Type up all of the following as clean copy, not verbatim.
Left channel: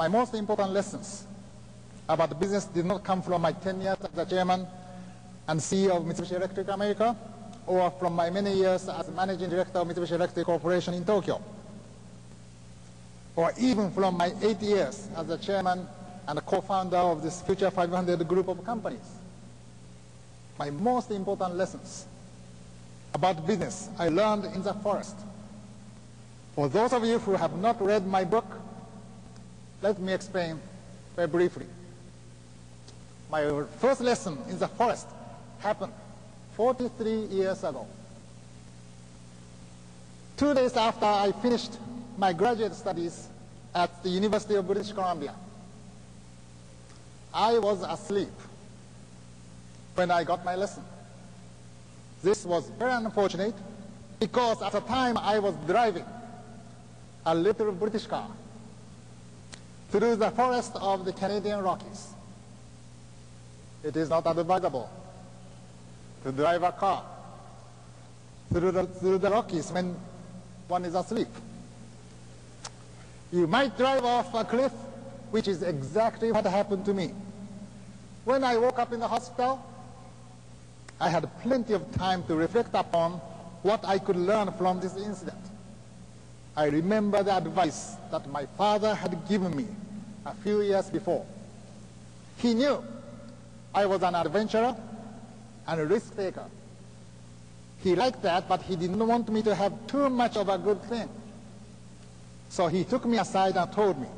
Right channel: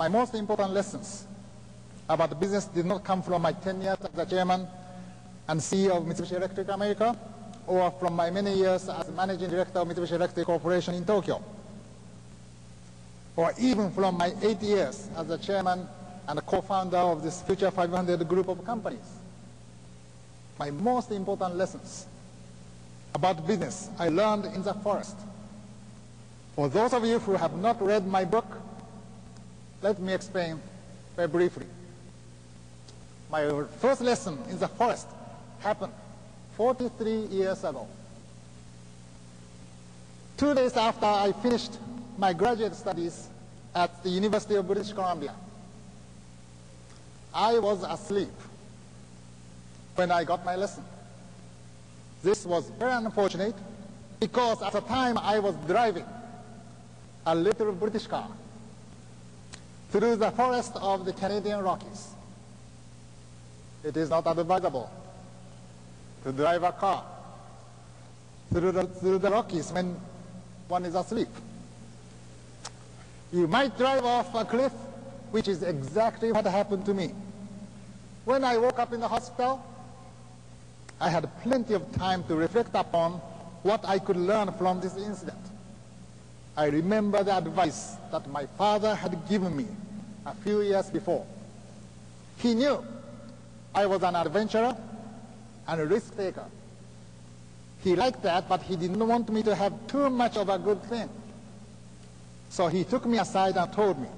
My most important lessons about business did not come from my 10 years as the chairman and CEO of Mitsubishi Electric America, or from my many years as managing director of Mitsubishi Electric Corporation in Tokyo, or even from my 8 years as the chairman and co-founder of this Future 500 group of companies. My most important lessons about business I learned in the forest. For those of you who have not read my book, let me explain very briefly. My first lesson in the forest happened 43 years ago. 2 days after I finished my graduate studies at the University of British Columbia, I was asleep when I got my lesson. This was very unfortunate because at the time I was driving a little British car through the forest of the Canadian Rockies. It is not advisable to drive a car through the Rockies when one is asleep. You might drive off a cliff, which is exactly what happened to me. When I woke up in the hospital, I had plenty of time to reflect upon what I could learn from this incident. I remember the advice that my father had given me a few years before. He knew I was an adventurer and a risk taker. He liked that, but he didn't want me to have too much of a good thing. So he took me aside and told me,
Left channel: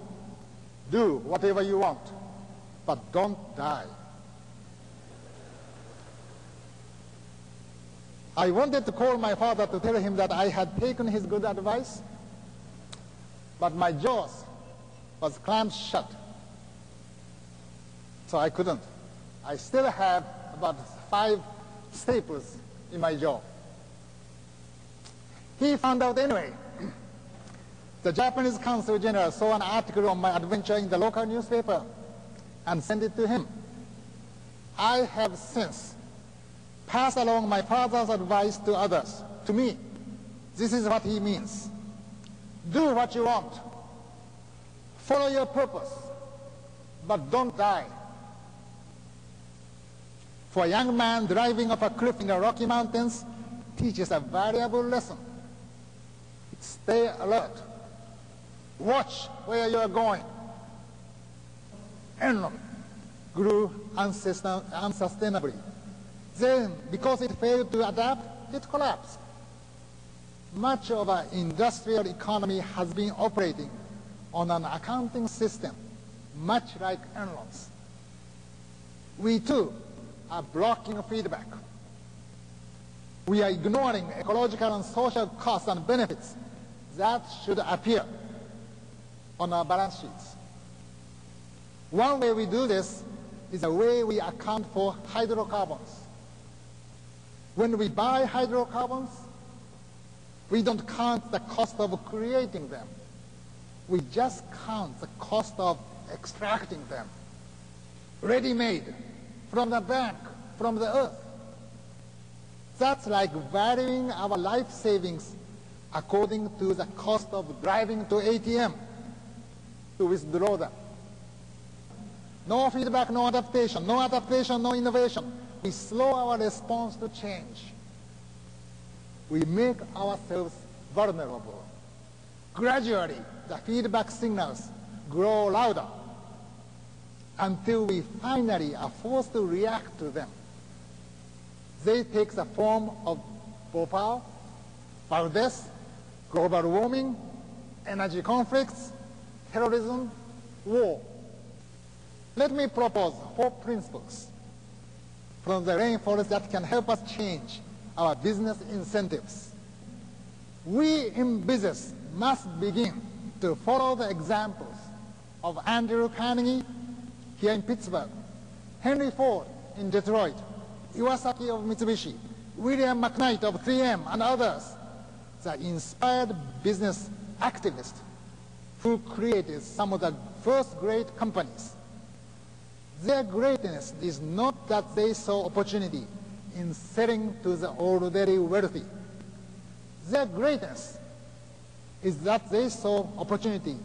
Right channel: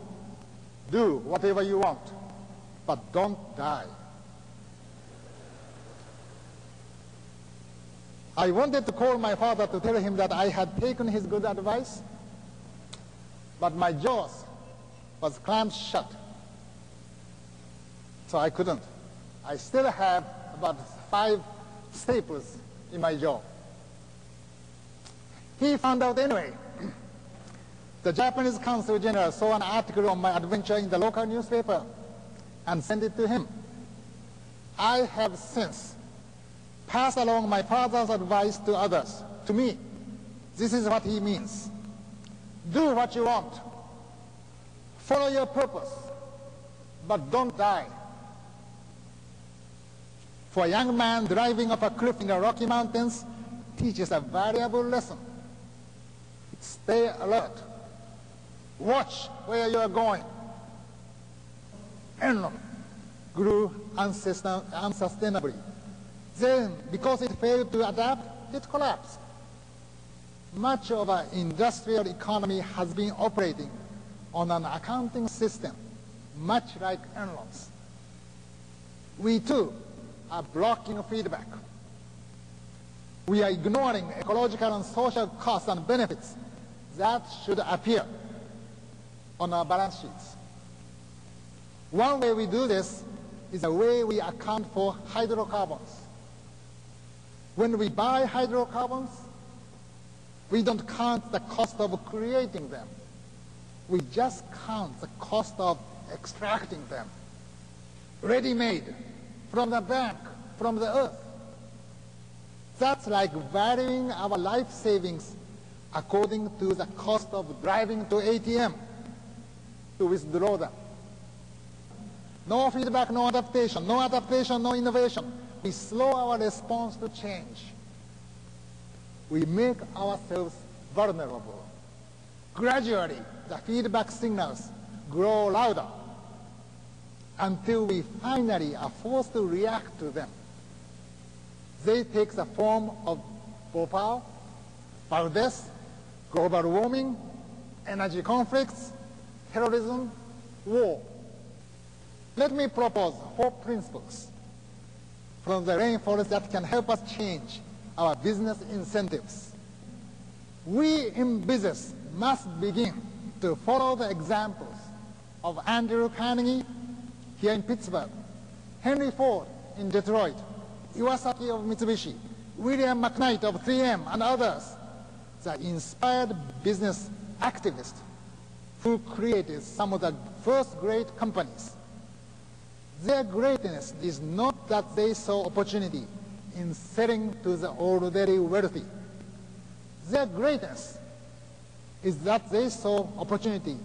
do whatever you want, but don't die. I wanted to call my father to tell him that I had taken his good advice, but my jaws was clamped shut. So I couldn't. I still have about 5 staples in my jaw. He found out anyway. The Japanese Consul General saw an article on my adventure in the local newspaper and sent it to him. I have since passed along my father's advice to others. To me, this is what he means. Do what you want. Follow your purpose, but don't die. For a young man driving off a cliff in the Rocky Mountains teaches a valuable lesson. Stay alert. Watch where you are going. Enron grew unsustainably. Then, because it failed to adapt, it collapsed. Much of our industrial economy has been operating on an accounting system, much like Enron's. We too are blocking feedback. We are ignoring ecological and social costs and benefits that should appear on our balance sheets. One way we do this is the way we account for hydrocarbons. When we buy hydrocarbons, we don't count the cost of creating them. We just count the cost of extracting them. Ready-made, from the bank, from the earth. That's like valuing our life savings according to the cost of driving to ATM to withdraw them. No feedback, no adaptation, no innovation. We slow our response to change. We make ourselves vulnerable. Gradually, the feedback signals grow louder until we finally are forced to react to them. They take the form of Bhopal, Valdez, global warming, energy conflicts, terrorism, war. Let me propose 4 principles from the rainforest that can help us change our business incentives. We in business must begin to follow the examples of Andrew Carnegie here in Pittsburgh, Henry Ford in Detroit, Iwasaki of Mitsubishi, William McKnight of 3M, and others, the inspired business activists who created some of the first great companies. Their greatness is not that they saw opportunity in selling to the already wealthy. Their greatness is that they saw opportunity